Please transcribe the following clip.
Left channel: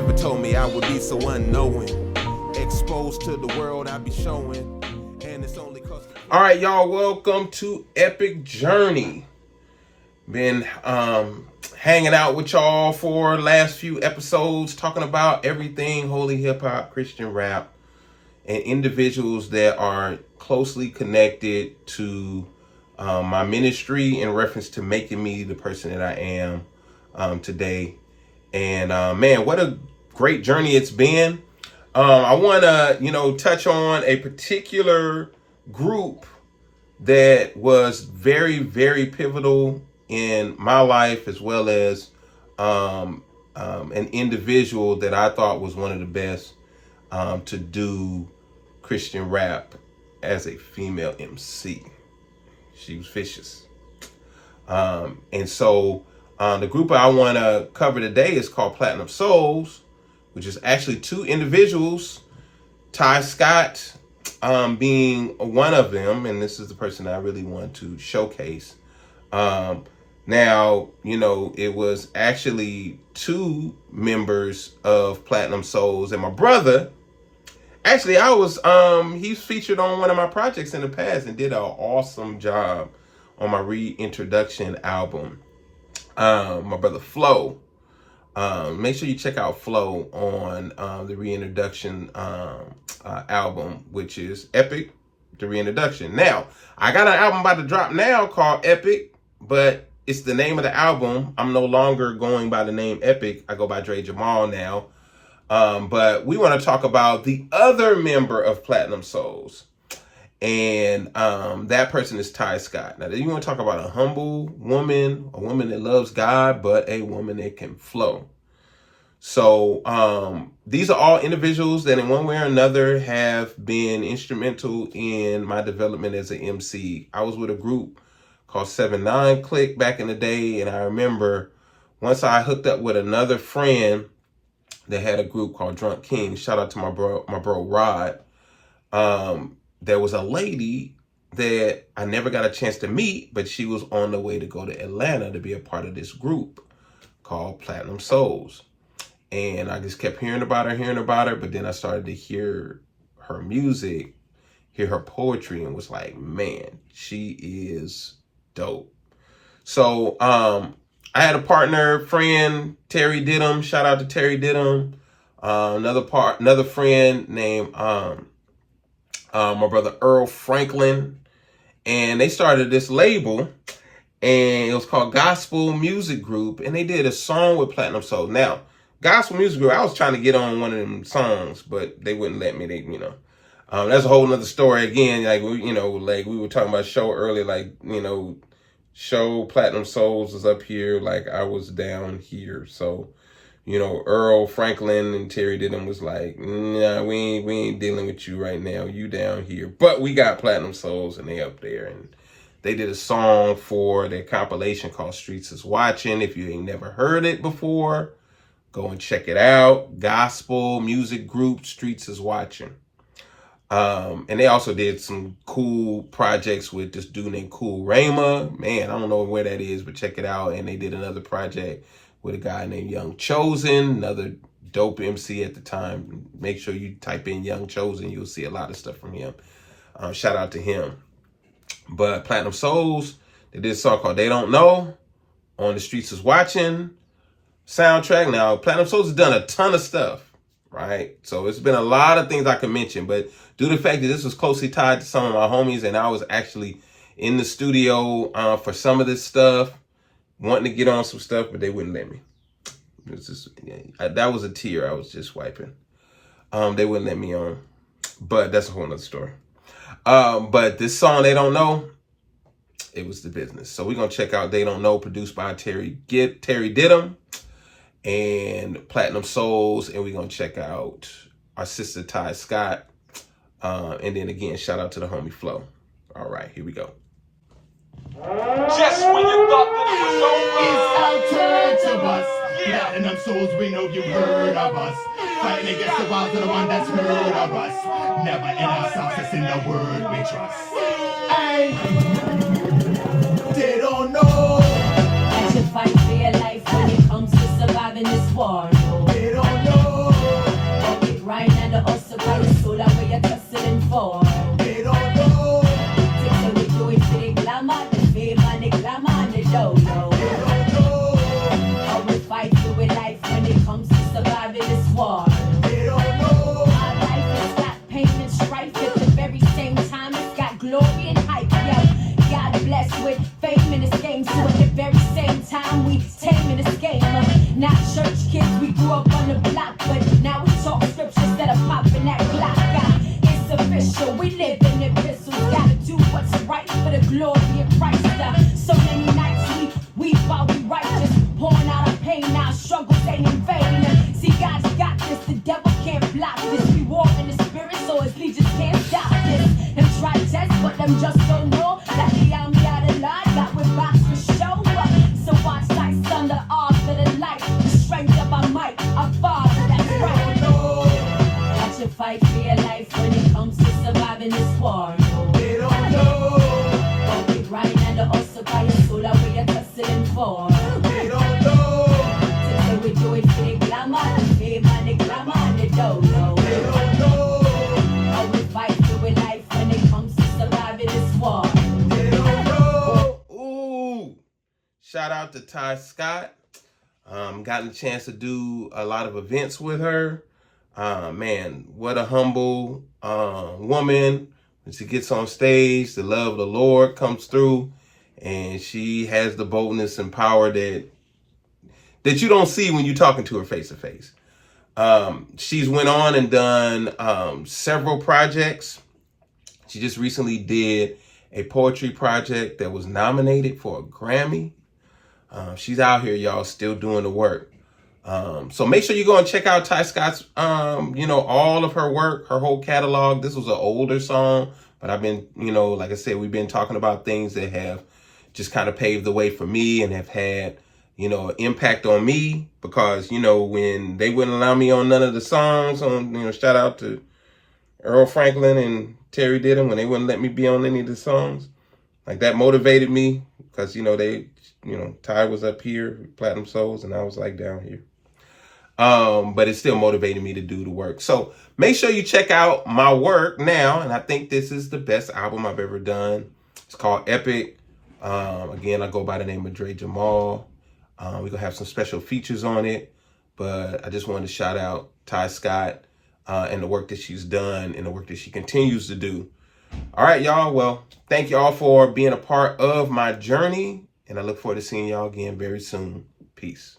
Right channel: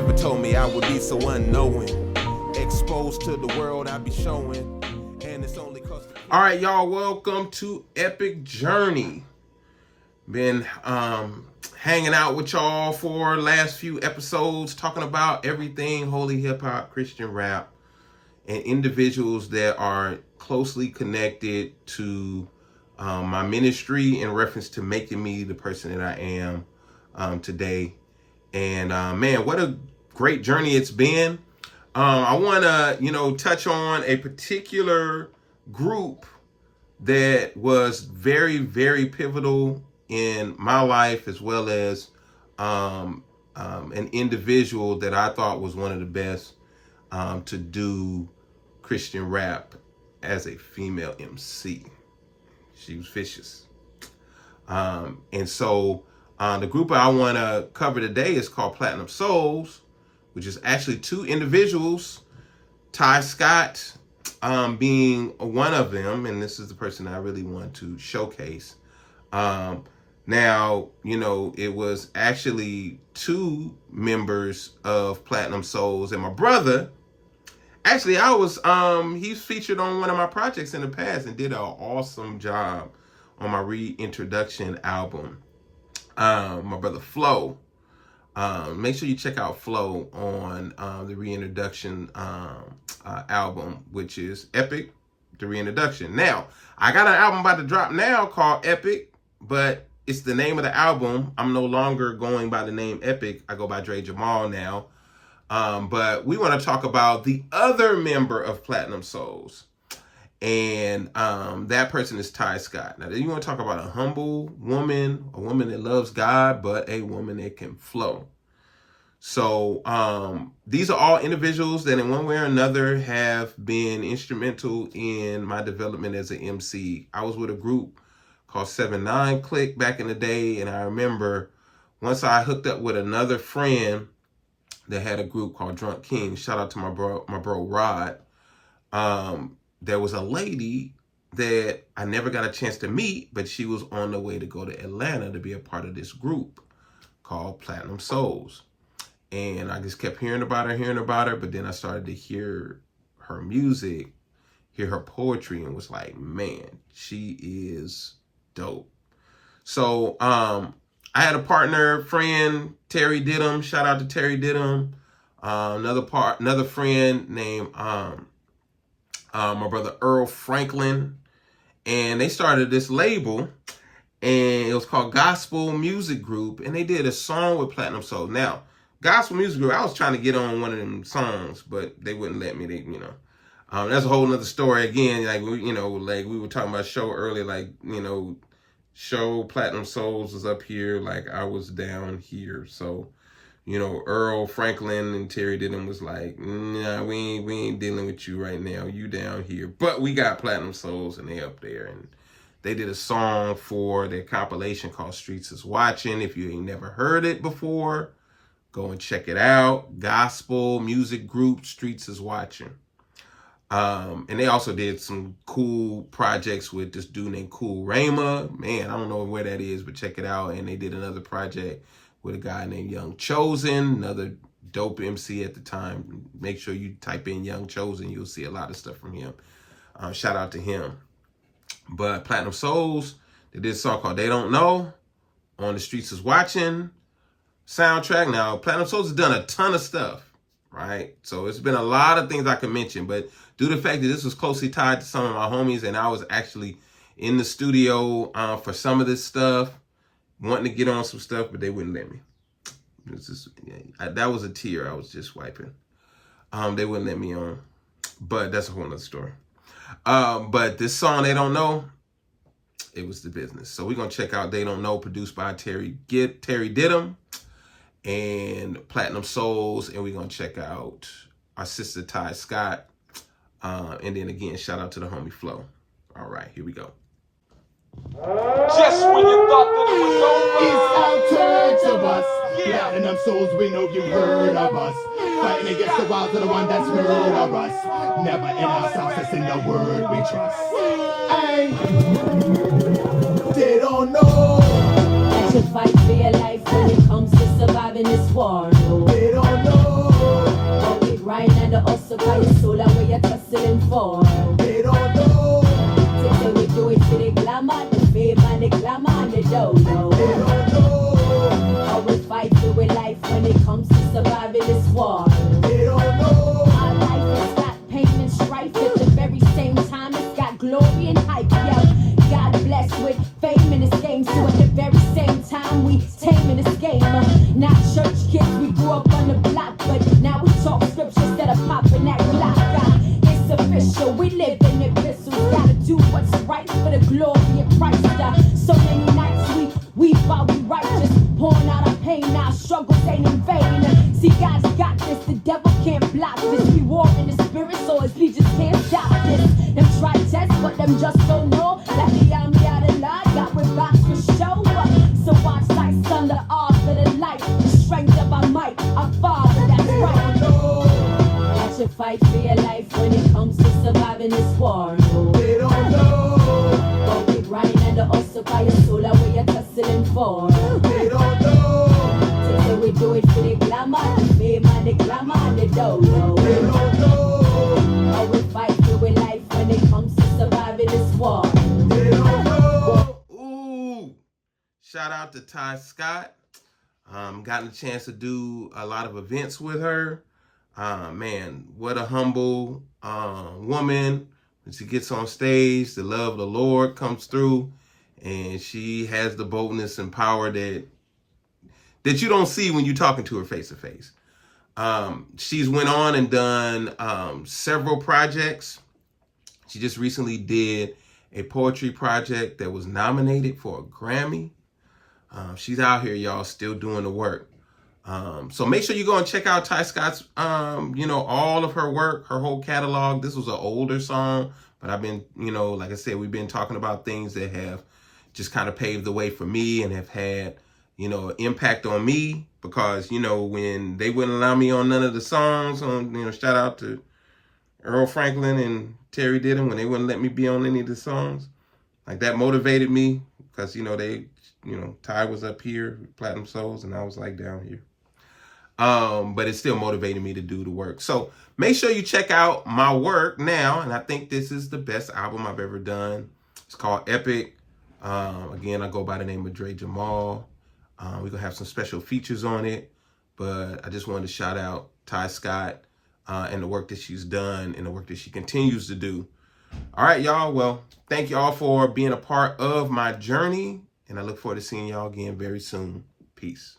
never told me I would be so unknowing. Exposed to the world I be showing. And it's only cause... All right, y'all, welcome to Epic Journey. Been hanging out with y'all for last few episodes, talking about everything holy hip hop, Christian rap, and individuals that are closely connected to my ministry in reference to making me the person that I am today. And man, what a great journey it's been. I want to, touch on a particular group that was very, very pivotal in my life, as well as an individual that I thought was one of the best to do Christian rap as a female MC. She was vicious. And so the group I want to cover today is called Platinum Souls, which is actually two individuals, Ty Scott being one of them, and this is the person I really want to showcase. Now, it was actually two members of Platinum Souls, and my brother, actually, he's featured on one of my projects in the past and did an awesome job on my reintroduction album. My brother Flo. Make sure you check out Flo on the reintroduction album, which is Epic, the reintroduction. Now, I got an album about to drop now called Epic, but it's the name of the album. I'm no longer going by the name Epic. I go by Dre Jamal now. But we want to talk about the other member of Platinum Souls. And that person is Ty Scott. Now, you want to talk about a humble woman, a woman that loves God, but a woman that can flow. So these are all individuals that in one way or another have been instrumental in my development as an MC. I was with a group called 7-9 Click back in the day. And I remember once I hooked up with another friend that had a group called Drunk King. Shout out to my bro Rod. There was a lady that I never got a chance to meet, but she was on the way to go to Atlanta to be a part of this group called Platinum Souls. And I just kept hearing about her, but then I started to hear her music, hear her poetry, and was like, man, she is dope. So I had a partner, friend, Terry Didham. Shout out to Terry Didham. Another friend named my brother Earl Franklin. And they started this label, and it was called Gospel Music Group. And they did a song with Platinum Soul. Now, Gospel Music Group, I was trying to get on one of them songs, but they wouldn't let me. That's a whole nother story again. Like we were talking about show earlier, show Platinum Souls is up here, like I was down here. So, Earl Franklin and Terry Didham was like, nah, we ain't dealing with you right now. You down here. But we got Platinum Souls and they up there. And they did a song for their compilation called Streets is Watching. If you ain't never heard it before, go and check it out. Gospel Music Group, Streets is Watching. And they also did some cool projects with this dude named Cool Rayma. Man, I don't know where that is, but check it out. And they did another project with a guy named Young Chosen, another dope MC at the time. Make sure you type in Young Chosen. You'll see a lot of stuff from him. Shout out to him. But Platinum Souls, they did a song called They Don't Know on the Streets is Watching soundtrack. Now, Platinum Souls has done a ton of stuff, right? So it's been a lot of things I can mention, but due to the fact that this was closely tied to some of my homies and I was actually in the studio for some of this stuff, wanting to get on some stuff, but they wouldn't let me. That was a tear I was just wiping. They wouldn't let me on, but that's a whole nother story. But this song, They Don't Know, it was the business. So we're going to check out They Don't Know, produced by Terry Didham and Platinum Souls. And we're going to check out our sister Ty Scott. And then again, shout out to the homie Flo. All right, here we go. Just when you thought that it was over, it's our turn to bust. Platinum Souls, we know you've heard of us. Fighting against the walls of the one that's heard of us. Never in our success in the word we trust. Hey, they don't know. You should fight for your life when it comes to surviving this war. They don't know. us about your soul, that way you're tussling for. They don't know. Take them we do it for the glamour, the fame and the glamour, and they don't know. They don't know. How we fight through life when it comes to surviving this war. They don't know. Our life has got pain and strife at the very same time. It's got glory and hype, yo. God blessed with fame in this game, so at the very same time we tame in this game. Not church kids, we grew up on the block, but now we talk scripture instead of popping that block. It's official, we live in epistles. Gotta do what's right for the glory of Christ. So many nights we while we righteous, pouring out our pain, our struggles ain't in vain. See, God's got this, the devil can't block this. We walk in the spirit, so his legions can't stop this. Them try to test, but them just don't know that the army out of line got with box for show. So watch like thunder off of the light, the strength of our might, our Father, that's right. Watch you fight for your life when it comes to surviving this war. They don't know. But we grind and the hustle by your soul, that way you're tussling for. They don't know. Say we do it for the glamour, the fame and the glamour, and they don't know. They don't know. But we fight for life when it comes to surviving this war. They don't know. Ooh. Shout out to Ty Scott. Gotten a chance to do a lot of events with her. Man, what a humble woman. When she gets on stage, the love of the Lord comes through, and she has the boldness and power that you don't see when you're talking to her face to face. She's went on and done several projects. She just recently did a poetry project that was nominated for a Grammy. She's out here, y'all, still doing the work. So make sure you go and check out Ty Scott's, all of her work, her whole catalog. This was an older song, but I've been, like I said, we've been talking about things that have just kind of paved the way for me and have had, an impact on me because, when they wouldn't allow me on none of the songs shout out to Earl Franklin and Terry Didden when they wouldn't let me be on any of the songs. Like that motivated me because, Ty was up here, Platinum Souls, and I was like down here. But it still motivated me to do the work. So make sure you check out my work now. And I think this is the best album I've ever done. It's called Epic. Again, I go by the name of Dre Jamal. We're going to have some special features on it. But I just wanted to shout out Ty Scott and the work that she's done and the work that she continues to do. All right, y'all. Well, thank y'all for being a part of my journey. And I look forward to seeing y'all again very soon. Peace.